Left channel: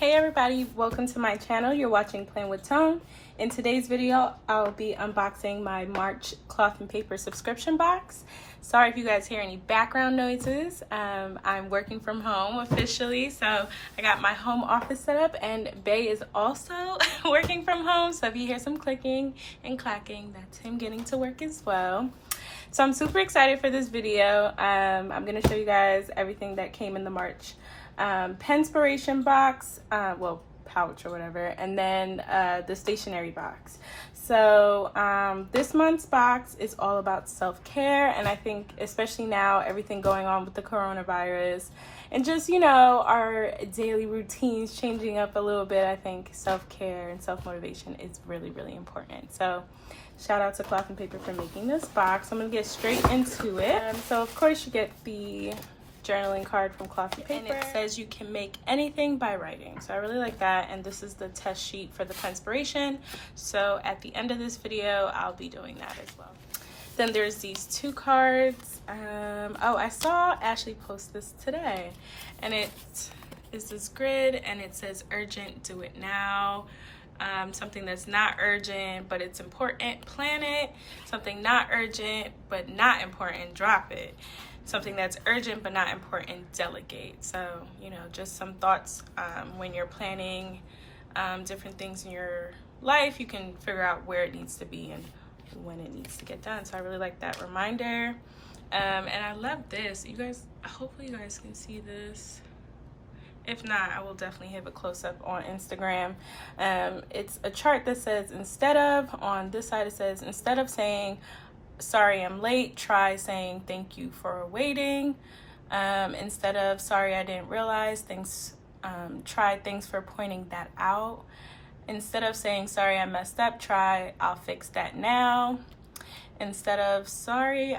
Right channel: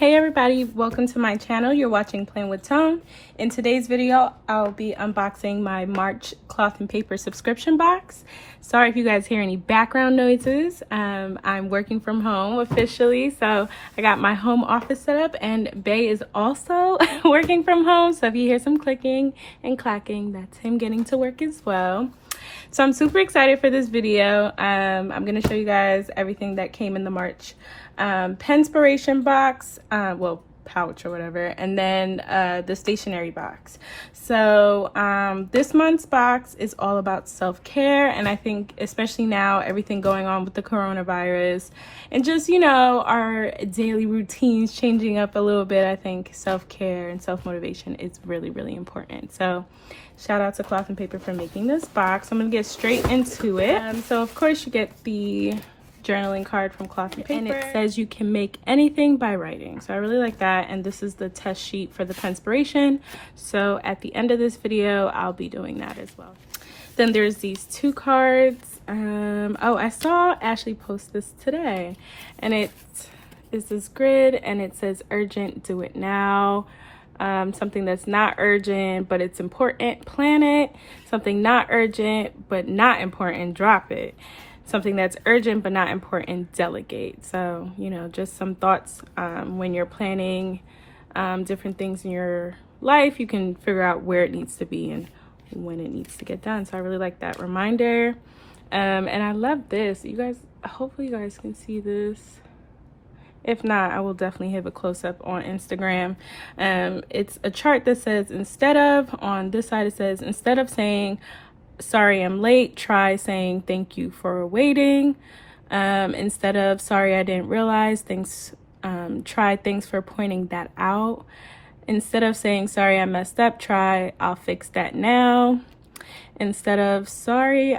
Hey everybody, welcome to my channel. You're watching Playing with Tone. In today's video, I'll be unboxing my March cloth and paper subscription box. Sorry if you guys hear any background noises. I'm working from home officially, so I got my home office set up, and Bay is also working from home. So if you hear some clicking and clacking, that's him getting to work as well. So I'm super excited for this video. I'm gonna show you guys everything that came in the March Penspiration box, well, pouch or whatever, and then the stationery box. So this month's box is all about self-care, and I think especially now, everything going on with the coronavirus and just, you know, our daily routines changing up a little bit, I think self-care and self-motivation is really, really important. So shout out to Cloth and Paper for making this box. I'm gonna get straight into it. So of course you get the journaling card from Cloth and Paper, and it says you can make anything by writing, so I really like that. And this is the test sheet for the Penspiration, so at the end of this video I'll be doing that as well. Then there's these two cards. Oh, I saw Ashley post this today, and it is this grid, and it says urgent, do it now. Something that's not urgent but it's important, plan it. Something not urgent but not important, drop it. Something that's urgent but not important, delegate. So, you know, just some thoughts when you're planning different things in your life. You can figure out where it needs to be and when it needs to get done. So I really like that reminder. And I love this. You guys, hopefully you guys can see this. If not, I will definitely have a close-up on Instagram. It's a chart that says, instead of, on this side it says, instead of saying sorry I'm late, try saying thank you for waiting. Instead of sorry I didn't realize, thanks, try thanks for pointing that out. Instead of saying sorry I messed up, try I'll fix that now. Instead of sorry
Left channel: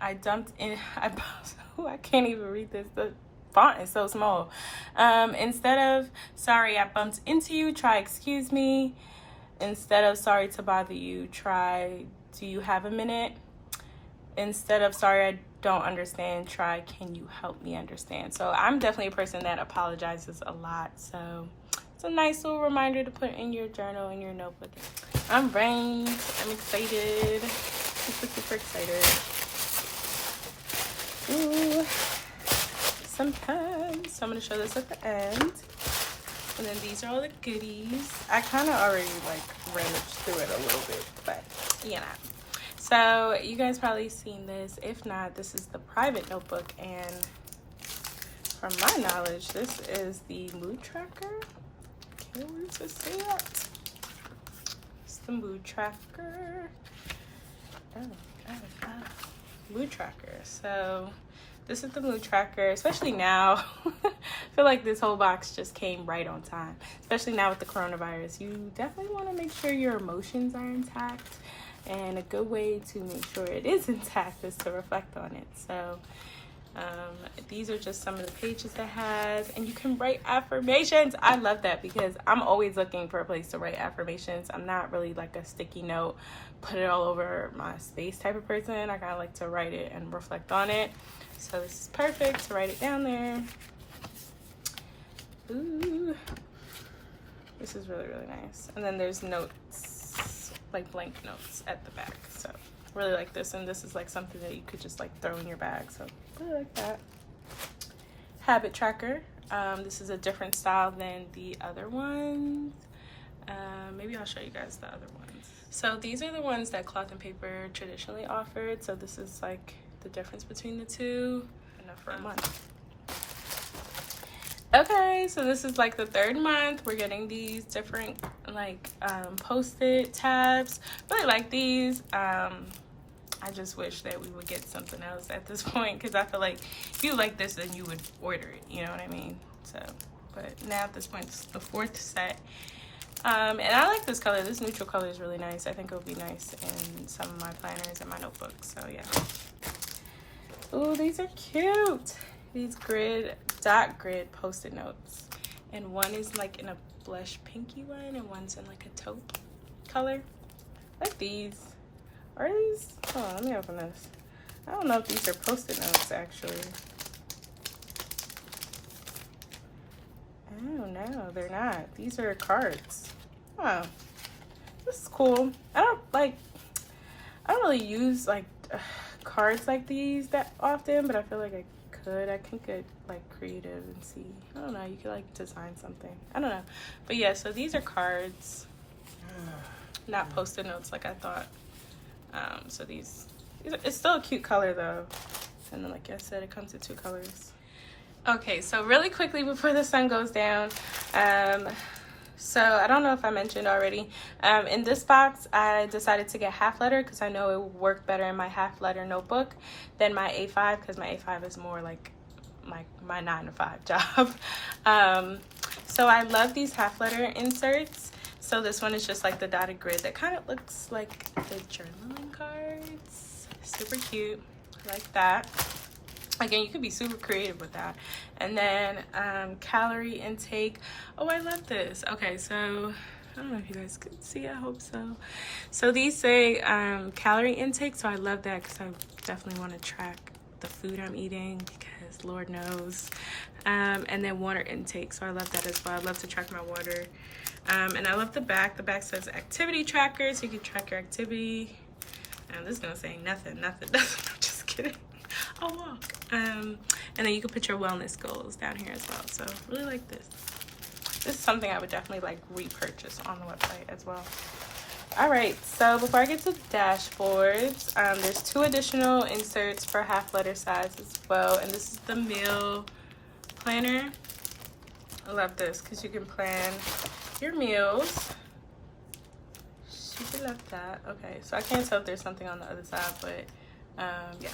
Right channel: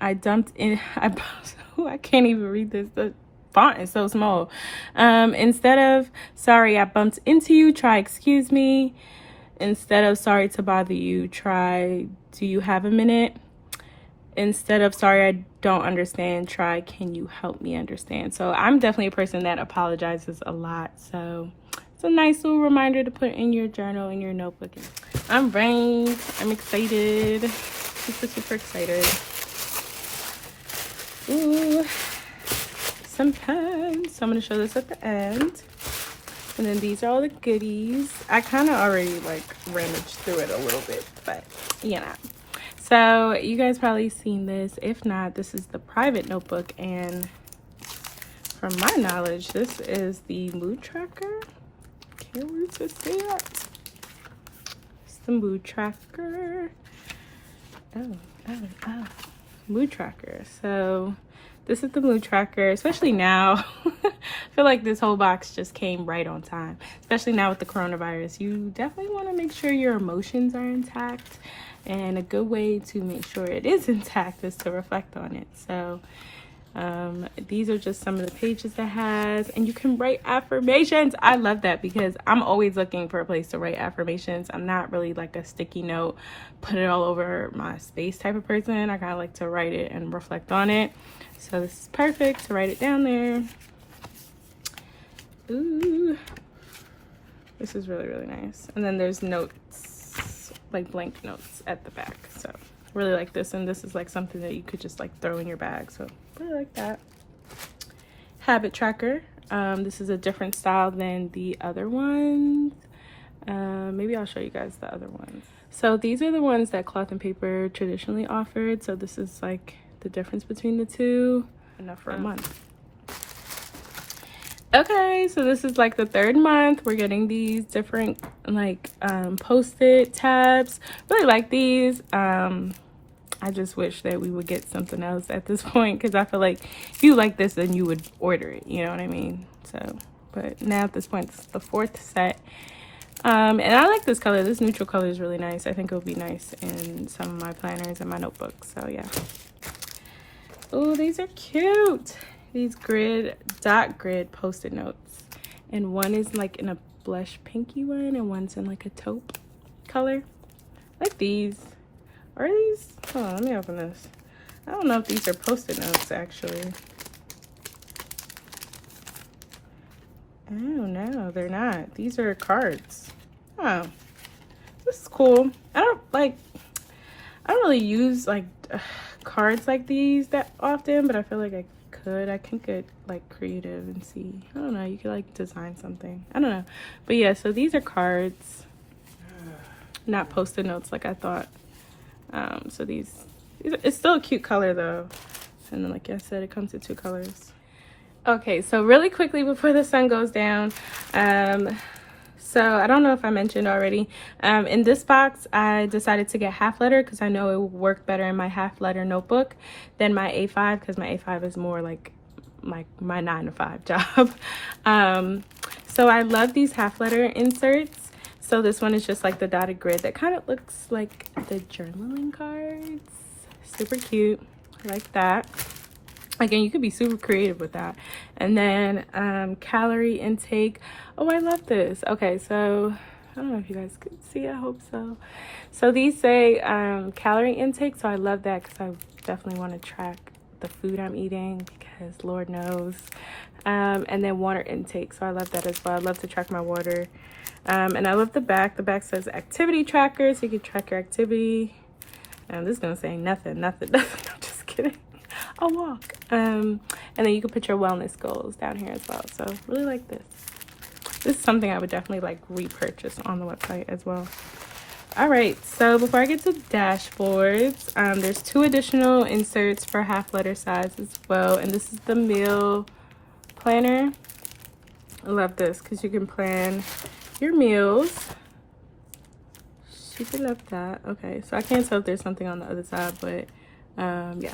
I dumped in, I can't even read this, the font is so small. Instead of sorry I bumped into you, try excuse me. Instead of sorry to bother you, try do you have a minute. Instead of sorry I don't understand, try can you help me understand. So I'm definitely a person that apologizes a lot, so it's a nice little reminder to put in your journal, in your notebook. I'm ready, I'm excited, super excited. Ooh, some pens. So I'm gonna show this at the end. And then these are all the goodies. I kind of already like ranged through it a little bit, but you know. So you guys probably seen this. If not, this is the private notebook, and from my knowledge, this is the mood tracker. Can you just see it? It's the mood tracker. Oh. Mood tracker. So this is the mood tracker, especially now. I feel like this whole box just came right on time, especially now with the coronavirus. You definitely want to make sure your emotions are intact, and a good way to make sure it is intact is to reflect on it. So these are just some of the pages it has, and you can write affirmations. I love that because I'm always looking for a place to write affirmations. I'm not really like a sticky note, put it all over my space type of person. I kind of like to write it and reflect on it. So this is perfect to write it down there. Ooh, this is really nice. And then there's notes, like blank notes at the back. So really like this, and this is like something that you could just like throw in your bag. So really like that. Habit tracker. This is a different style than the other ones. Maybe I'll show you guys the other ones. So these are the ones that Cloth and Paper traditionally offered. So this is like the difference between the two. Enough for a month. Okay, so this is like the third month. We're getting these different like post-it tabs. Really like these. I just wish that we would get something else at this point, because I feel like if you like this, then you would order it, you know what I mean? So, but now at this point, it's the fourth set. And I like this color. This neutral color is really nice. I think it would be nice in some of my planners and my notebooks. So yeah. Oh, these are cute. These dot grid post-it notes. And one is like in a blush pinky one, and one's in like a taupe color. I like these. Are these? Hold on, let me open this. I don't know if these are post-it notes actually. I don't know. they're not. These are cards. Oh, this is cool. I don't really use like cards like these that often, but I feel like I can get like creative and see. I don't know, you could like design something. I don't know. But yeah, so these are cards, not post-it notes like I thought. So these it's still a cute color though. And like I said, it comes in 2 colors. Okay, so really quickly before the sun goes down, so I don't know if I mentioned already, in this box I decided to get half letter because I know it would work better in my half letter notebook than my A5, because my A5 is more like my 9-to-5 job. So I love these half letter inserts. So this one is just like the dotted grid that kind of looks like the journaling cards. Super cute. I like that. Again, you could be super creative with that. And then calorie intake. Oh, I love this. Okay, so I don't know if you guys could see. I hope so. So these say calorie intake. So I love that because I definitely want to track the food I'm eating, because Lord knows. And then water intake. So I love that as well. I love to track my water. And I love the back. The back says activity tracker, so you can track your activity. This is gonna say nothing. I'm just kidding. A walk. And then you can put your wellness goals down here as well. So really like this. This is something I would definitely like repurchase on the website as well. All right, so before I get to dashboards, there's 2 additional inserts for half letter size as well. And this is the meal planner. I love this because you can plan your meals. Super love that. Okay, so I can't tell if there's something on the other side, but yeah.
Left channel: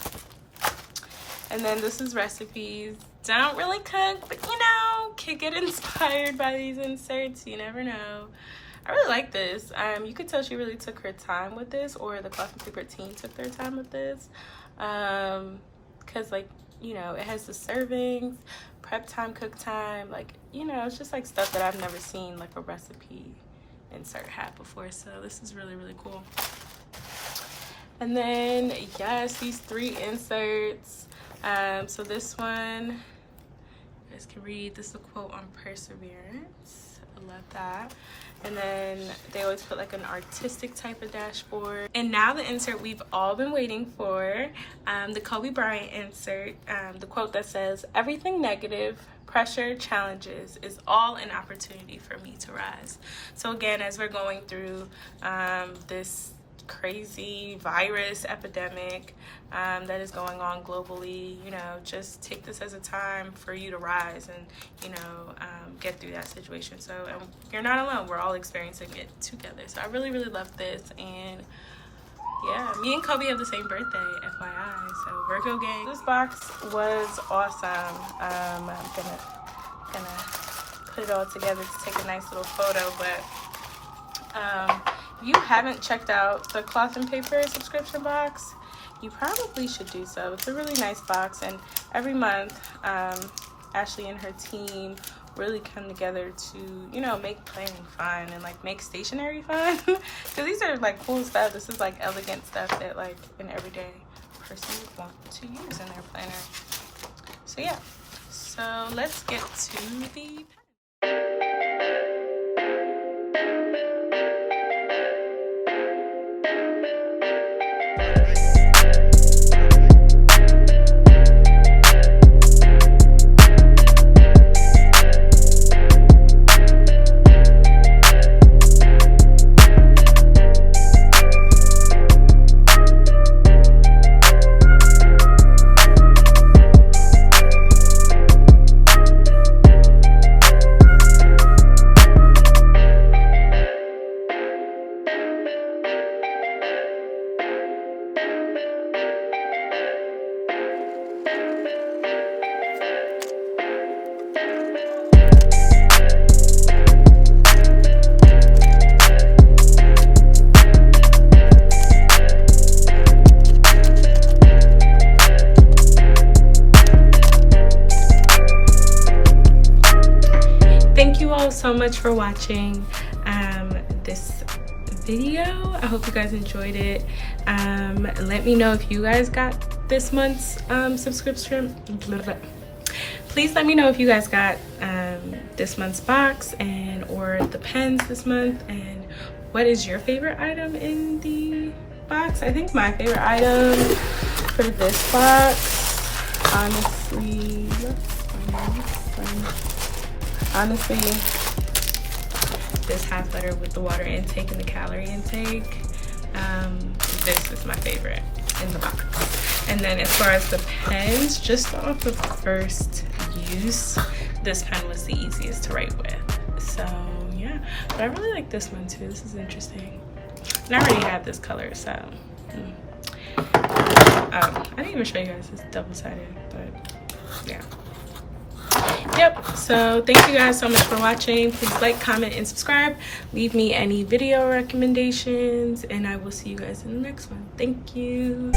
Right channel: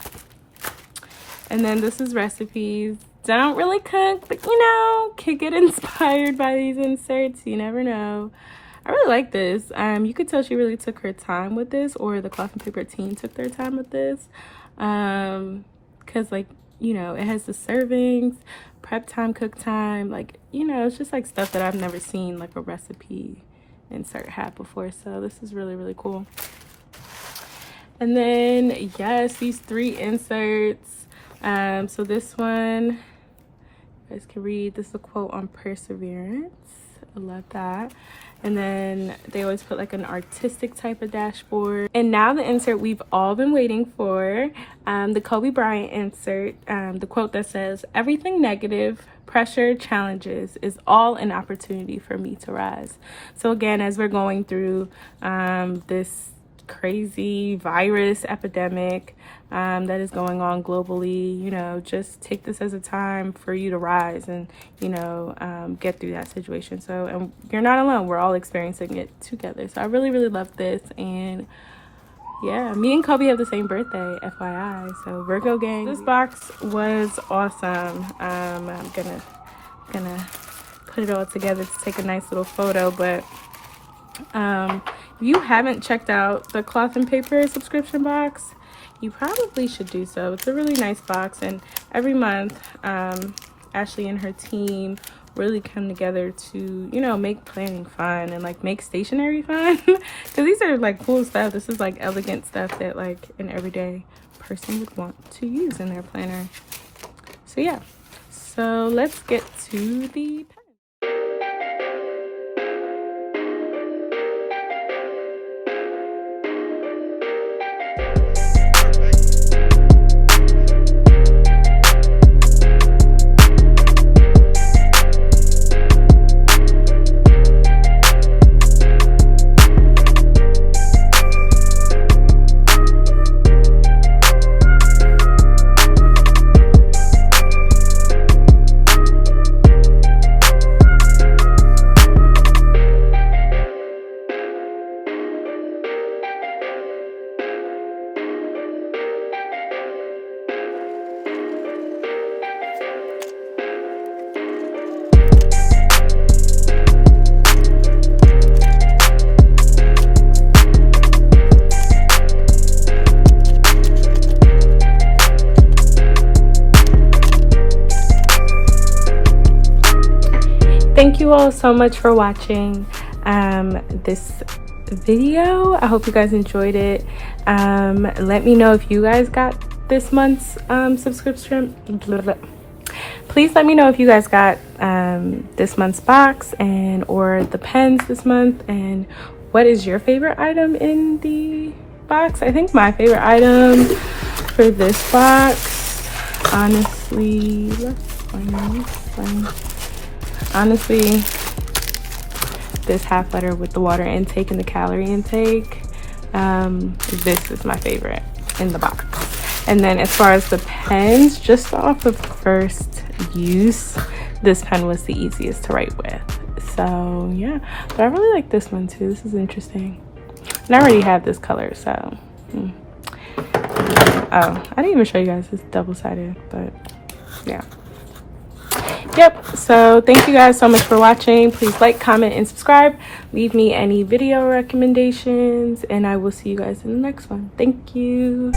And then this is recipes. Don't really cook, but you know, could get inspired by these inserts. You never know. I really like this. You could tell she really took her time with this, or the Cloth and Paper team took their time with this. Because like, you know, it has the servings, prep time, cook time, like, you know, it's just like stuff that I've never seen like a recipe insert have before. So this is really, really cool. And then yes, these 3 inserts. So this one, you guys can read. This is a quote on perseverance. I love that. And then they always put like an artistic type of dashboard. And now the insert we've all been waiting for, the Kobe Bryant insert, the quote that says, "Everything negative, pressure, challenges is all an opportunity for me to rise." So again, as we're going through this crazy virus epidemic that is going on globally, you know, just take this as a time for you to rise and, you know, get through that situation. So, and you're not alone. We're all experiencing it together. So I really, really love this. And yeah, me and Kobe have the same birthday, FYI. So Virgo gang. This box was awesome. I'm gonna put it all together to take a nice little photo, but if you haven't checked out the Cloth and Paper subscription box, you probably should do so. It's a really nice box, and every month Ashley and her team really come together to, you know, make planning fun and like make stationery fun. Because these are like cool stuff. This is like elegant stuff that like an everyday person would want to use in their planner. So yeah, so let's get to the Thank you all so much for watching this video. I hope you guys enjoyed it. Let me know if you guys got this month's subscription. please let me know if you guys got this month's box and or the pens this month, and what is your favorite item in the box. I think my favorite item for this box, honestly, this half butter with the water intake and the calorie intake. This is my favorite in the box. And then as far as the pens, just off of first use, this pen was the easiest to write with. So yeah, but I really like this one too. This is interesting. And I already have this color, so oh, I didn't even show you guys, it's double-sided, but yeah. Yep, so thank you guys so much for watching. Please like, comment, and subscribe. Leave me any video recommendations, and I will see you guys in the next one. Thank you.